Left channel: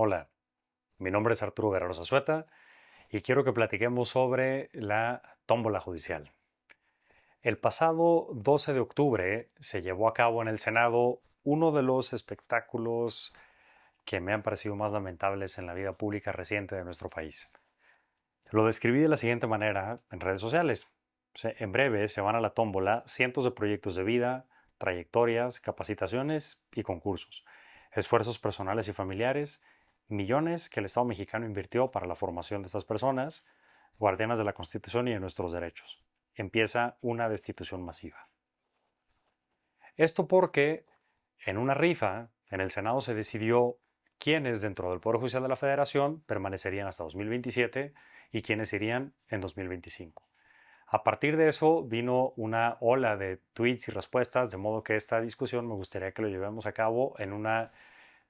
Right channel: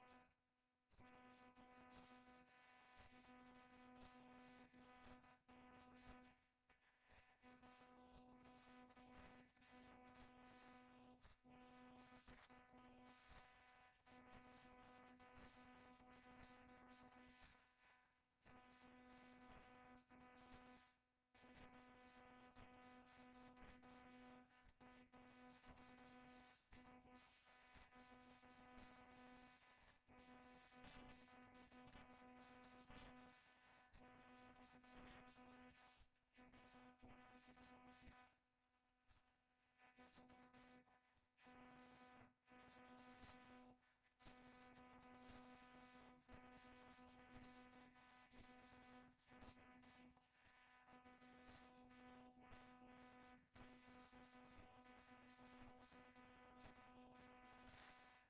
Hola, mi nombre es Arturo Guerrero Zazueta y quiero que platiquemos sobre la tómbola judicial. El pasado 12 de octubre se llevó a cabo en el Senado uno de los espectáculos que me han parecido más lamentables en la vida pública reciente de nuestro país. Lo describí de la siguiente manera en redes sociales. En breve se van a la tómbola cientos de proyectos de vida, trayectorias, capacitaciones y concursos, esfuerzos personales y familiares, millones que el Estado mexicano invirtió para la formación de estas personas, guardianas de la Constitución y de nuestros derechos. Empieza una destitución masiva. Esto porque en una rifa en el Senado se decidió quiénes dentro del Poder Judicial de la Federación permanecerían hasta 2027 y quiénes irían en 2025. A partir de eso vino una ola de tweets y respuestas, de modo que esta discusión me gustaría que lo llevemos a cabo en una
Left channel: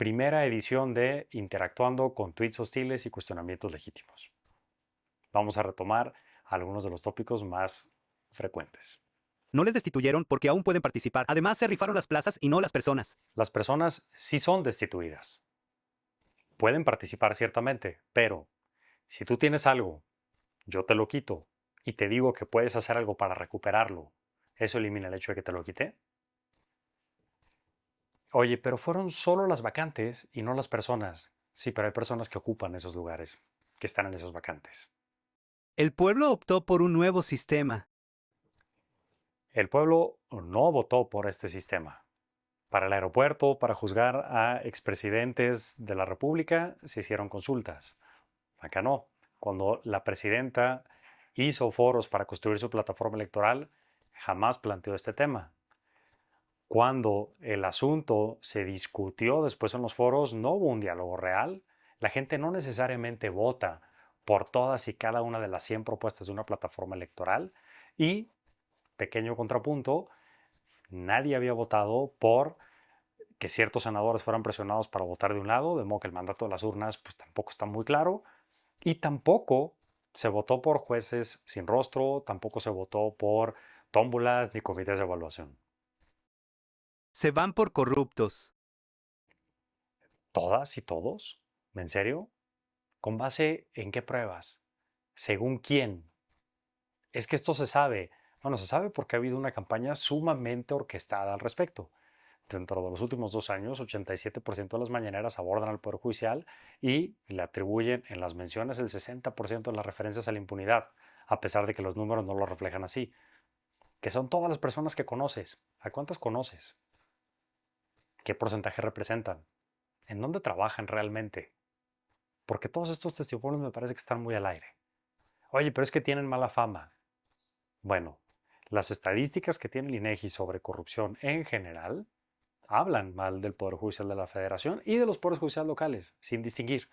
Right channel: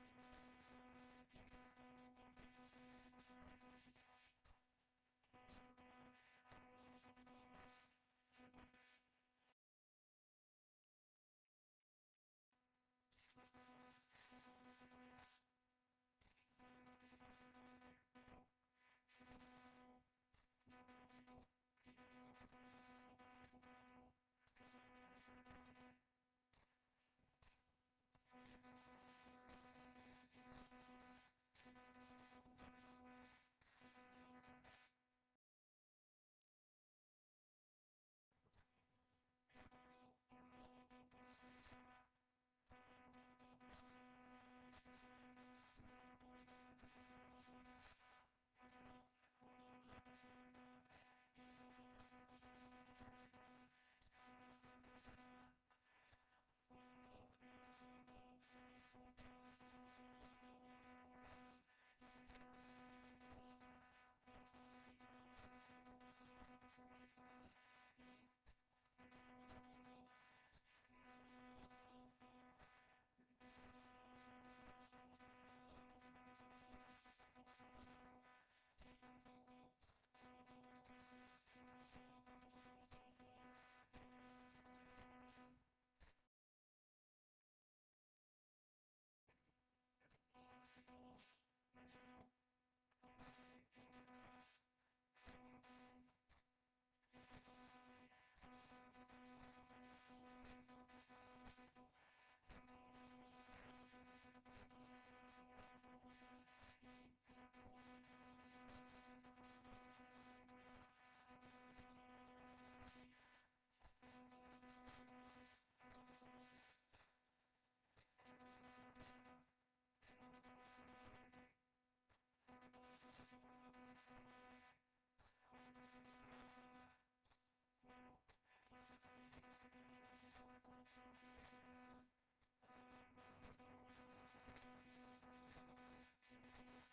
primera edición de Interactuando con tweets hostiles y cuestionamientos legítimos. Vamos a retomar algunos de los tópicos más frecuentes. No les destituyeron porque aún pueden participar. Además, se rifaron las plazas y no las personas. Las personas sí son destituidas. Pueden participar ciertamente, pero si tú tienes algo, yo te lo quito y te digo que puedes hacer algo para recuperarlo, ¿eso elimina el hecho de que te lo quité? Oye, pero fueron solo las vacantes y no las personas. Sí, pero hay personas que ocupan esos lugares, que están en esas vacantes. El pueblo optó por un nuevo sistema. El pueblo no votó por este sistema. Para el aeropuerto, para juzgar a expresidentes de la República, se hicieron consultas. Acá no. Cuando la presidenta hizo foros para construir su plataforma electoral, jamás planteó este tema. Cuando el asunto se discutió después en los foros, no hubo un diálogo real. La gente no necesariamente vota por todas y cada una de las 100 propuestas de una plataforma electoral. Y, pequeño contrapunto, nadie había votado por que ciertos senadores fueran presionados para votar de un lado, de modo que el mandato de las urnas pues tampoco está muy claro. Y tampoco se votó por jueces sin rostro, tampoco se votó por tómbolas ni comités de evaluación. Se van por corruptos. ¿Todas y todos? ¿En serio? ¿Con base en qué pruebas? ¿Según quién? Es que esto se sabe. Bueno, se sabe porque ha habido una campaña sumamente orquestada al respecto. Dentro de los últimos 2 años, 87% de las mañaneras abordan al Poder Judicial y le atribuyen en las menciones el 60% de las referencias a la impunidad, a pesar de que los números no lo reflejan así. Que son todas las personas que conoces. ¿A cuántas conoces? ¿Qué porcentaje representan? ¿En dónde trabajan realmente? Porque todos estos testimonios me parece que están muy al aire. Oye, pero es que tienen mala fama. Bueno, las estadísticas que tiene el INEGI sobre corrupción en general hablan mal del Poder Judicial de la Federación y de los poderes judiciales locales, sin distinguir.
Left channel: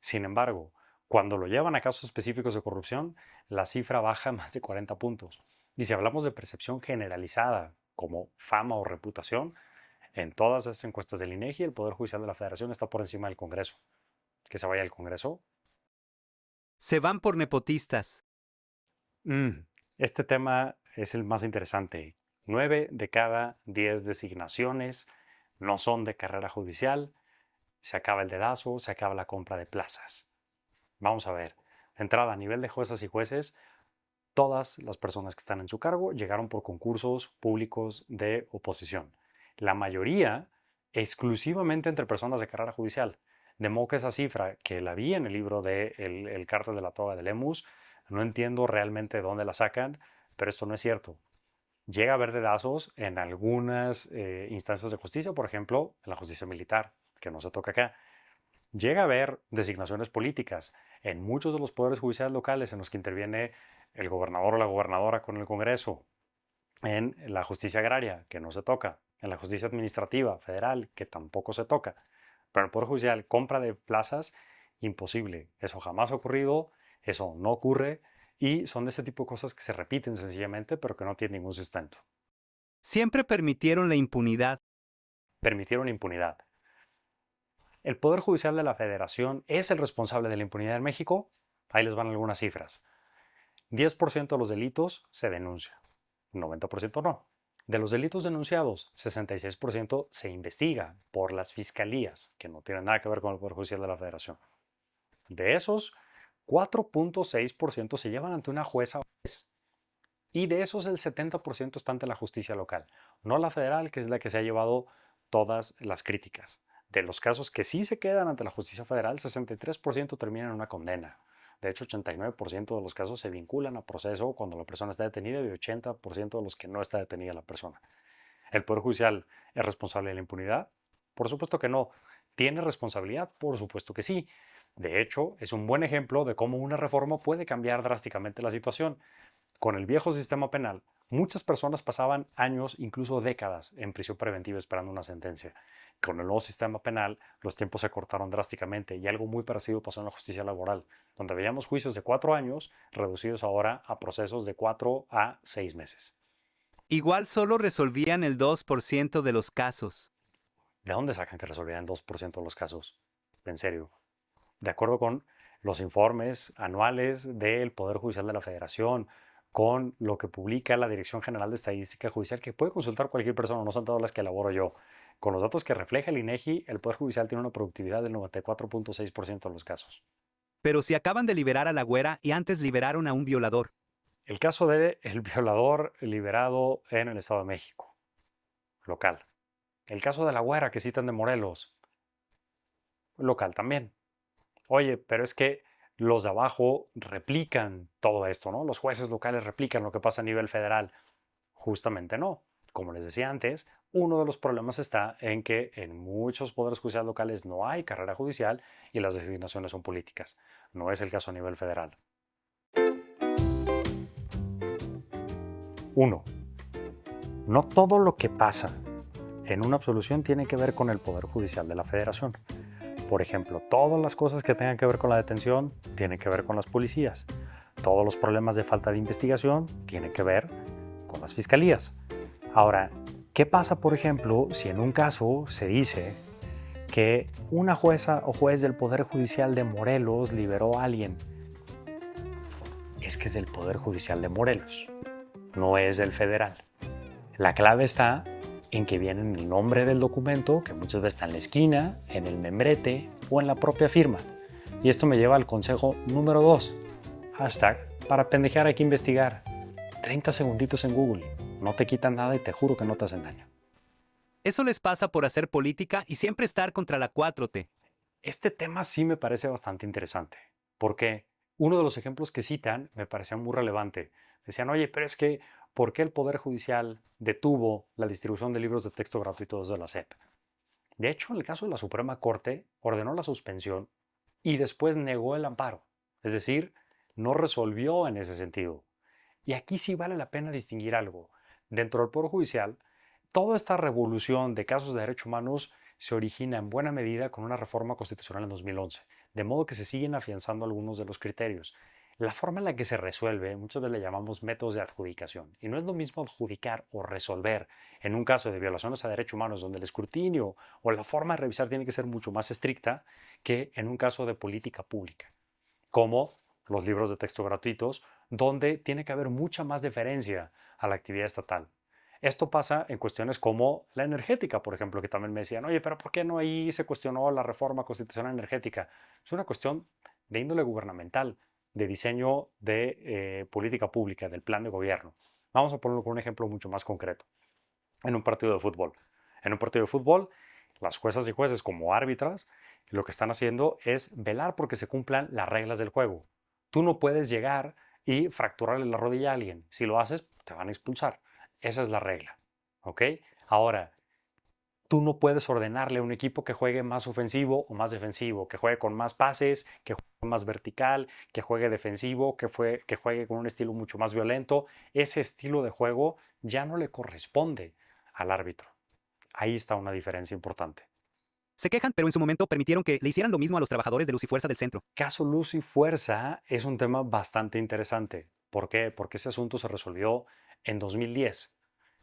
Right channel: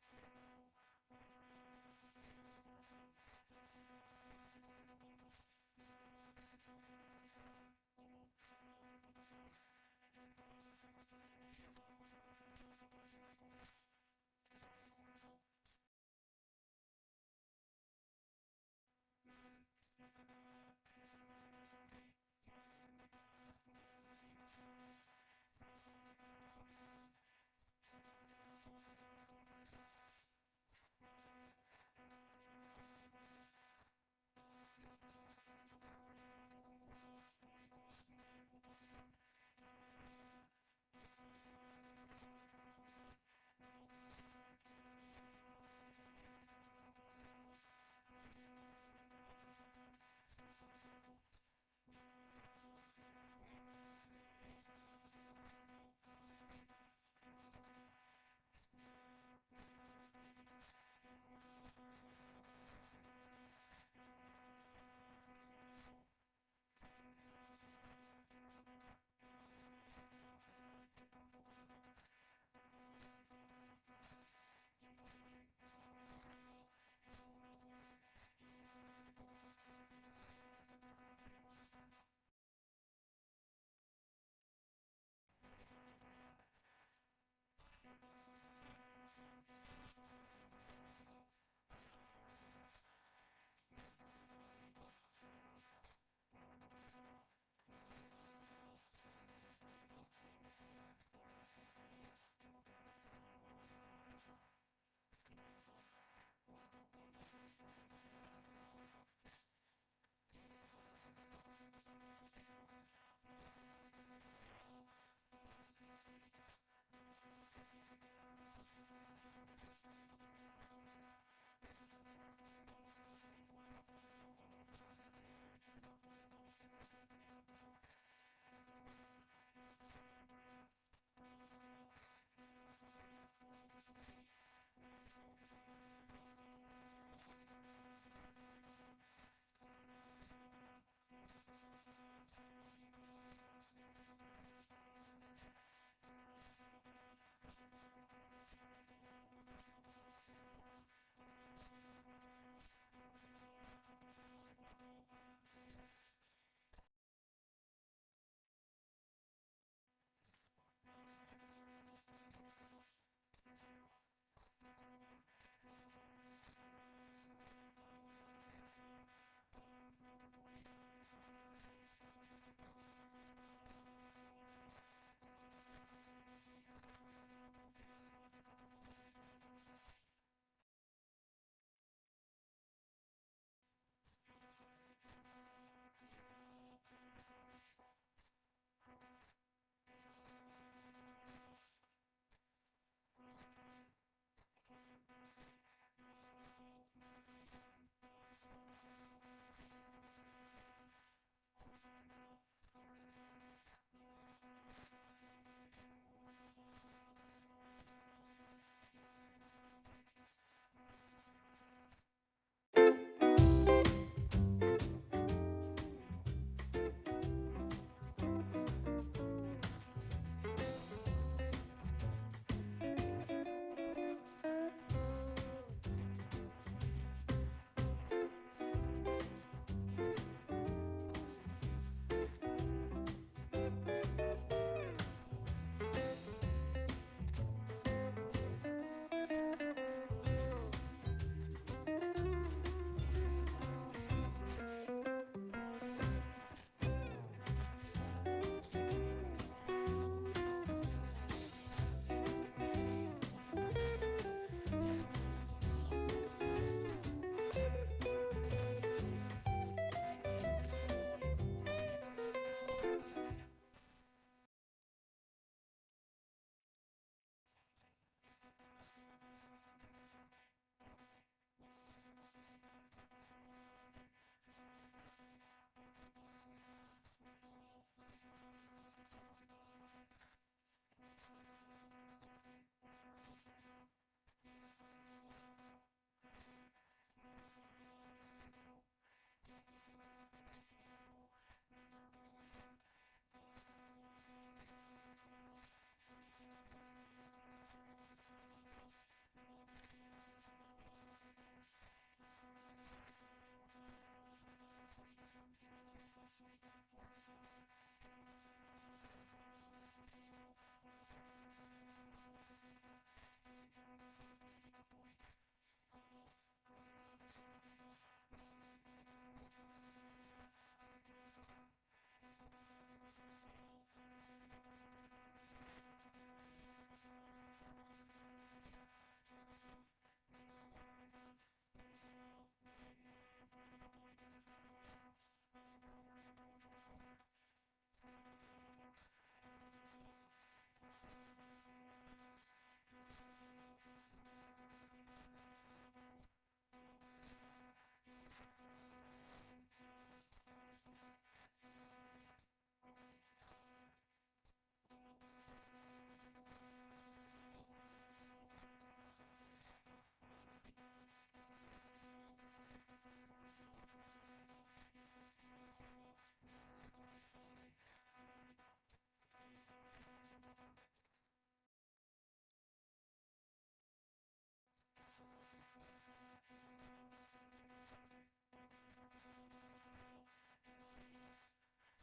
Sin embargo, cuando lo llevan a casos específicos de corrupción, la cifra baja más de 40 puntos. Y si hablamos de percepción generalizada, como fama o reputación, en todas estas encuestas del INEGI, el Poder Judicial de la Federación está por encima del Congreso. Que se vaya al Congreso. Se van por nepotistas. Mm, este tema es el más interesante. 9 de cada 10 designaciones no son de carrera judicial. Se acaba el dedazo, se acaba la compra de plazas. Vamos a ver. De entrada, a nivel de juezas y jueces, todas las personas que están en su cargo llegaron por concursos públicos de oposición. La mayoría exclusivamente entre personas de carrera judicial. De modo que esa cifra, que la vi en el libro de El cártel de la toga de Lemus, no entiendo realmente de dónde la sacan, pero esto no es cierto. Llega a haber dedazos en algunas instancias de justicia, por ejemplo, en la justicia militar, que no se toca acá. Llega a haber designaciones políticas en muchos de los poderes judiciales locales en los que interviene el gobernador o la gobernadora con el Congreso, en la justicia agraria, que no se toca, en la justicia administrativa federal, que tampoco se toca. Pero en el Poder Judicial, compra de plazas, imposible. Eso jamás ha ocurrido, eso no ocurre y son de ese tipo de cosas que se repiten sencillamente, pero que no tienen ningún sustento. Siempre permitieron la impunidad. Permitieron impunidad. ¿El Poder Judicial de la Federación es el responsable de la impunidad en México? Ahí les van algunas cifras. 10% de los delitos se denuncia, 90% no. De los delitos denunciados, 66% se investiga por las fiscalías, que no tienen nada que ver con el Poder Judicial de la Federación. De esos, 4.6% se llevan ante una jueza o juez. Y de esos, el 70% está ante la justicia local, no la federal, que es la que se ha llevado todas las críticas. De los casos que sí se quedan ante la justicia federal, 63% terminan en una condena. De hecho, 89% de los casos se vinculan a proceso cuando la persona está detenida y 80% de los que no está detenida la persona. ¿El Poder Judicial es responsable de la impunidad? Por supuesto que no. ¿Tiene responsabilidad? Por supuesto que sí. De hecho, es un buen ejemplo de cómo una reforma puede cambiar drásticamente la situación. Con el viejo sistema penal, muchas personas pasaban años, incluso décadas, en prisión preventiva esperando una sentencia. Con el nuevo sistema penal, los tiempos se cortaron drásticamente y algo muy parecido pasó en la justicia laboral, donde veíamos juicios de 4 años reducidos ahora a procesos de 4 a 6 meses. Igual solo resolvían el 2% de los casos. ¿De dónde sacan que resolvían 2% de los casos? En serio. De acuerdo con los informes anuales del Poder Judicial de la Federación, con lo que publica la Dirección General de Estadística Judicial, que puede consultar cualquier persona, no son todas las que elaboro yo. Con los datos que refleja el INEGI, el Poder Judicial tiene una productividad del 94.6% de los casos. Pero si acaban de liberar a la güera y antes liberaron a un violador. El caso del violador liberado en el Estado de México, local. El caso de la güera que citan de Morelos, local también. Oye, pero es que los de abajo replican todo esto, ¿no? Los jueces locales replican lo que pasa a nivel federal. Justamente no. Como les decía antes, uno de los problemas está en que en muchos poderes judiciales locales no hay carrera judicial y las designaciones son políticas. No es el caso a nivel federal. 1. No todo lo que pasa en una absolución tiene que ver con el Poder Judicial de la Federación. Por ejemplo, todas las cosas que tengan que ver con la detención tienen que ver con las policías. Todos los problemas de falta de investigación tienen que ver con las fiscalías. Ahora, ¿qué pasa, por ejemplo, si en un caso se dice que una jueza o juez del Poder Judicial de Morelos liberó a alguien? Es que es del Poder Judicial de Morelos, no es del federal. La clave está en que viene en el nombre del documento, que muchas veces está en la esquina, en el membrete o en la propia firma. Y esto me lleva al consejo número 2. Hashtag, para pendejear hay que investigar. 30 segunditos en Google. No te quitan nada y te juro que no te hacen daño. Eso les pasa por hacer política y siempre estar contra la 4T. Este tema sí me parece bastante interesante, porque uno de los ejemplos que citan me parecía muy relevante. Decían, oye, pero es que, ¿por qué el Poder Judicial detuvo la distribución de libros de texto gratuitos de la SEP? De hecho, en el caso de la Suprema Corte, ordenó la suspensión y después negó el amparo. Es decir, no resolvió en ese sentido. Y aquí sí vale la pena distinguir algo. Dentro del Poder Judicial, toda esta revolución de casos de derechos humanos se origina en buena medida con una reforma constitucional en 2011, de modo que se siguen afianzando algunos de los criterios. La forma en la que se resuelve, muchas veces le llamamos métodos de adjudicación, y no es lo mismo adjudicar o resolver en un caso de violaciones a derechos humanos donde el escrutinio o la forma de revisar tiene que ser mucho más estricta que en un caso de política pública, como los libros de texto gratuitos, donde tiene que haber mucha más deferencia a la actividad estatal. Esto pasa en cuestiones como la energética, por ejemplo, que también me decían, oye, pero ¿por qué no ahí se cuestionó la reforma constitucional energética? Es una cuestión de índole gubernamental, de diseño de política pública, del plan de gobierno. Vamos a ponerlo con un ejemplo mucho más concreto. En un partido de fútbol. En un partido de fútbol, las juezas y jueces como árbitras, lo que están haciendo es velar porque se cumplan las reglas del juego. Tú no puedes llegar y fracturarle la rodilla a alguien. Si lo haces, te van a expulsar. Esa es la regla. ¿Ok? Ahora, tú no puedes ordenarle a un equipo que juegue más ofensivo o más defensivo, que juegue con más pases, que juegue más vertical, que juegue defensivo, que juegue con un estilo mucho más violento. Ese estilo de juego ya no le corresponde al árbitro. Ahí está una diferencia importante. Se quejan, pero en su momento permitieron que le hicieran lo mismo a los trabajadores de Luz y Fuerza del centro. Caso Luz y Fuerza es un tema bastante interesante. ¿Por qué? Porque ese asunto se resolvió en 2010.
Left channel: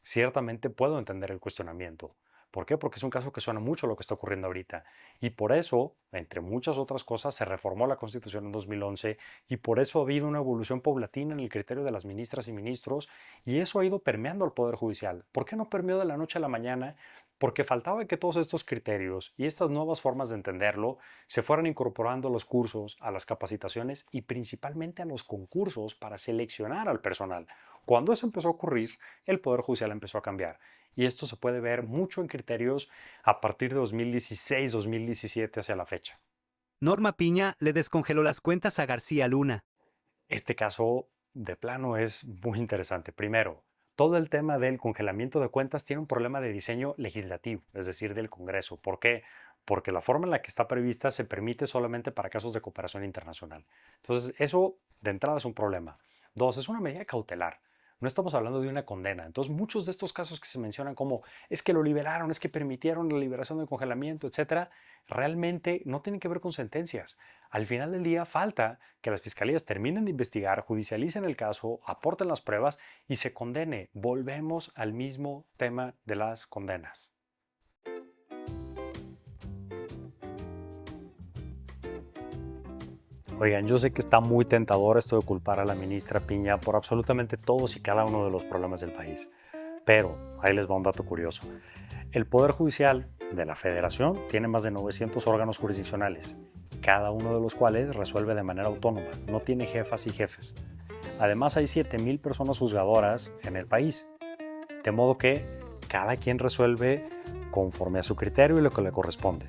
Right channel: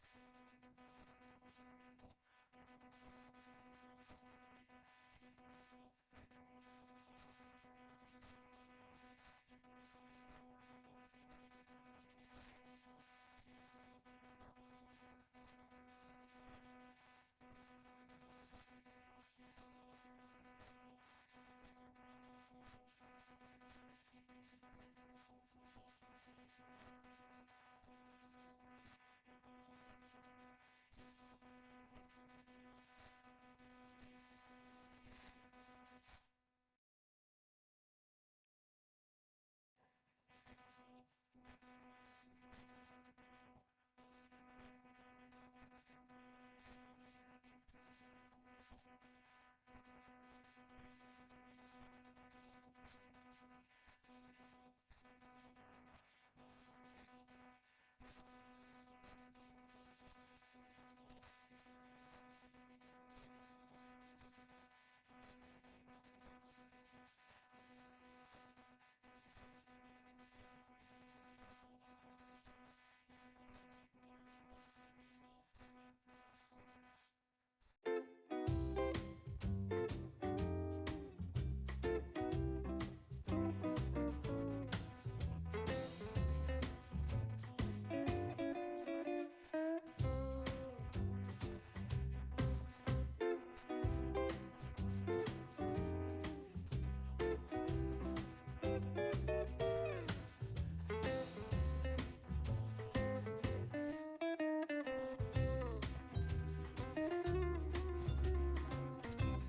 Ciertamente puedo entender el cuestionamiento, ¿Por qué? Porque es un caso que suena mucho a lo que está ocurriendo ahorita. Y por eso, entre muchas otras cosas, se reformó la Constitución en 2011 y por eso ha habido una evolución paulatina en el criterio de las ministras y ministros y eso ha ido permeando al Poder Judicial. ¿Por qué no permeó de la noche a la mañana? Porque faltaba que todos estos criterios y estas nuevas formas de entenderlo se fueran incorporando a los cursos, a las capacitaciones y principalmente a los concursos para seleccionar al personal. Cuando eso empezó a ocurrir, el Poder Judicial empezó a cambiar. Y esto se puede ver mucho en criterios a partir de 2016-2017 hacia la fecha. Norma Piña le descongeló las cuentas a García Luna. Este caso de plano es muy interesante. Primero, todo el tema del congelamiento de cuentas tiene un problema de diseño legislativo, es decir, del Congreso. ¿Por qué? Porque la forma en la que está prevista se permite solamente para casos de cooperación internacional. Entonces, eso de entrada es un problema. Dos, es una medida cautelar. No estamos hablando de una condena. Entonces, muchos de estos casos que se mencionan como es que lo liberaron, es que permitieron la liberación del congelamiento, etcétera, realmente no tienen que ver con sentencias. Al final del día, falta que las fiscalías terminen de investigar, judicialicen el caso, aporten las pruebas y se condene. Volvemos al mismo tema de las condenas. Oigan, yo sé que está muy tentador esto de culpar a la ministra Piña por absolutamente todos y cada uno de los problemas del país. Pero ahí les va un dato curioso. El Poder Judicial de la Federación tiene más de 900 órganos jurisdiccionales, cada uno de los cuales resuelve de manera autónoma, no tiene jefas y jefes. Además hay 7,000 personas juzgadoras en el país, de modo que cada quien resuelve conforme a su criterio y lo que le corresponde.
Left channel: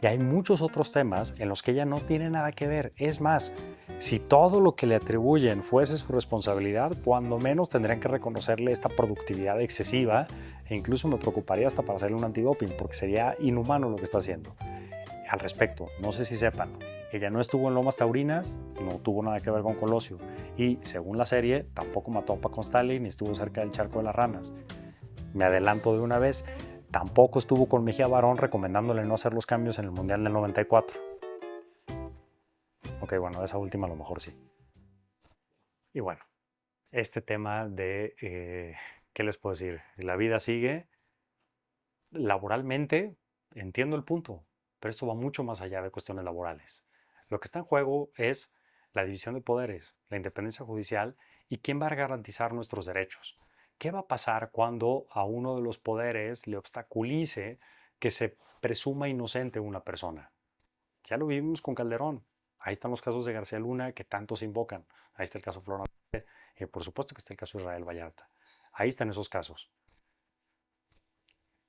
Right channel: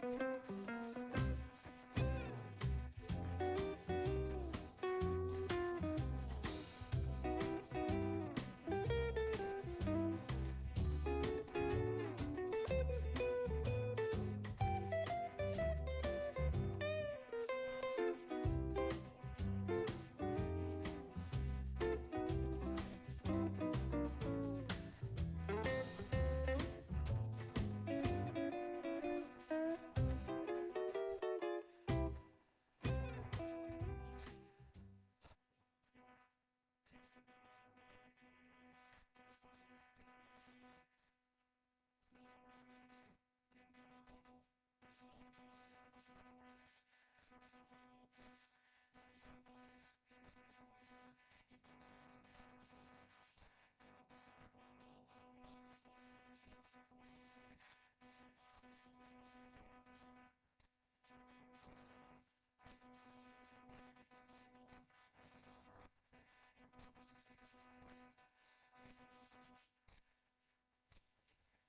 Y hay muchos otros temas en los que ella no tiene nada que ver. Es más, si todo lo que le atribuyen fuese su responsabilidad, cuando menos tendrían que reconocerle esta productividad excesiva e incluso me preocuparía hasta para hacerle un antidoping porque sería inhumano lo que está haciendo. Al respecto, no sé si sepan, ella no estuvo en Lomas Taurinas, no tuvo nada que ver con Colosio y según la serie tampoco mató a Paco Stalin ni estuvo cerca del charco de las ranas. Me adelanto de una vez, tampoco estuvo con Mejía Barón recomendándole no hacer los cambios en el Mundial del 94. Ok, bueno, esa última a lo mejor sí. Y bueno, este tema de, ¿qué les puedo decir? La vida sigue. Laboralmente, entiendo el punto, pero esto va mucho más allá de cuestiones laborales. Lo que está en juego es la división de poderes, la independencia judicial y quién va a garantizar nuestros derechos. ¿Qué va a pasar cuando a uno de los poderes le obstaculice que se presuma inocente una persona? Ya lo vivimos con Calderón. Ahí están los casos de García Luna que tanto se invocan. Ahí está el caso Flor. Por supuesto que está el caso de Israel Vallarta. Ahí están esos casos.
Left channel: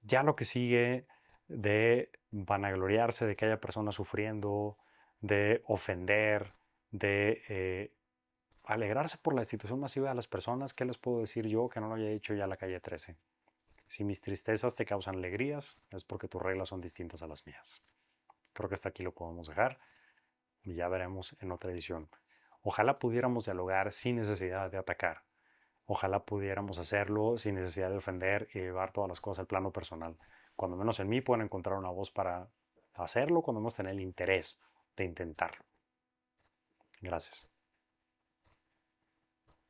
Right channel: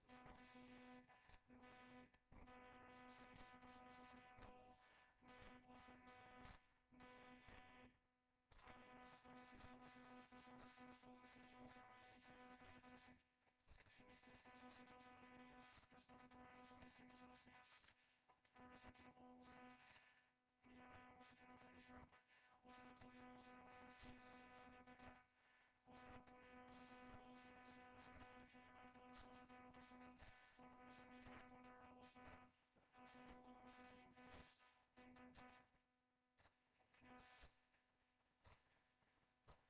Ya lo que sigue de vanagloriarse de que haya personas sufriendo, de ofender, de alegrarse por la destitución masiva de las personas, ¿qué les puedo decir yo que no lo haya dicho ya la calle 13? Si mis tristezas te causan alegrías, es porque tus reglas son distintas a las mías. Creo que hasta aquí lo podemos dejar y ya veremos en otra edición. Ojalá pudiéramos dialogar sin necesidad de atacar. Ojalá pudiéramos hacerlo sin necesidad de ofender y llevar todas las cosas al plano personal. Cuando menos en mí pueden encontrar una voz para hacerlo, cuando menos tener el interés de intentarlo. Gracias.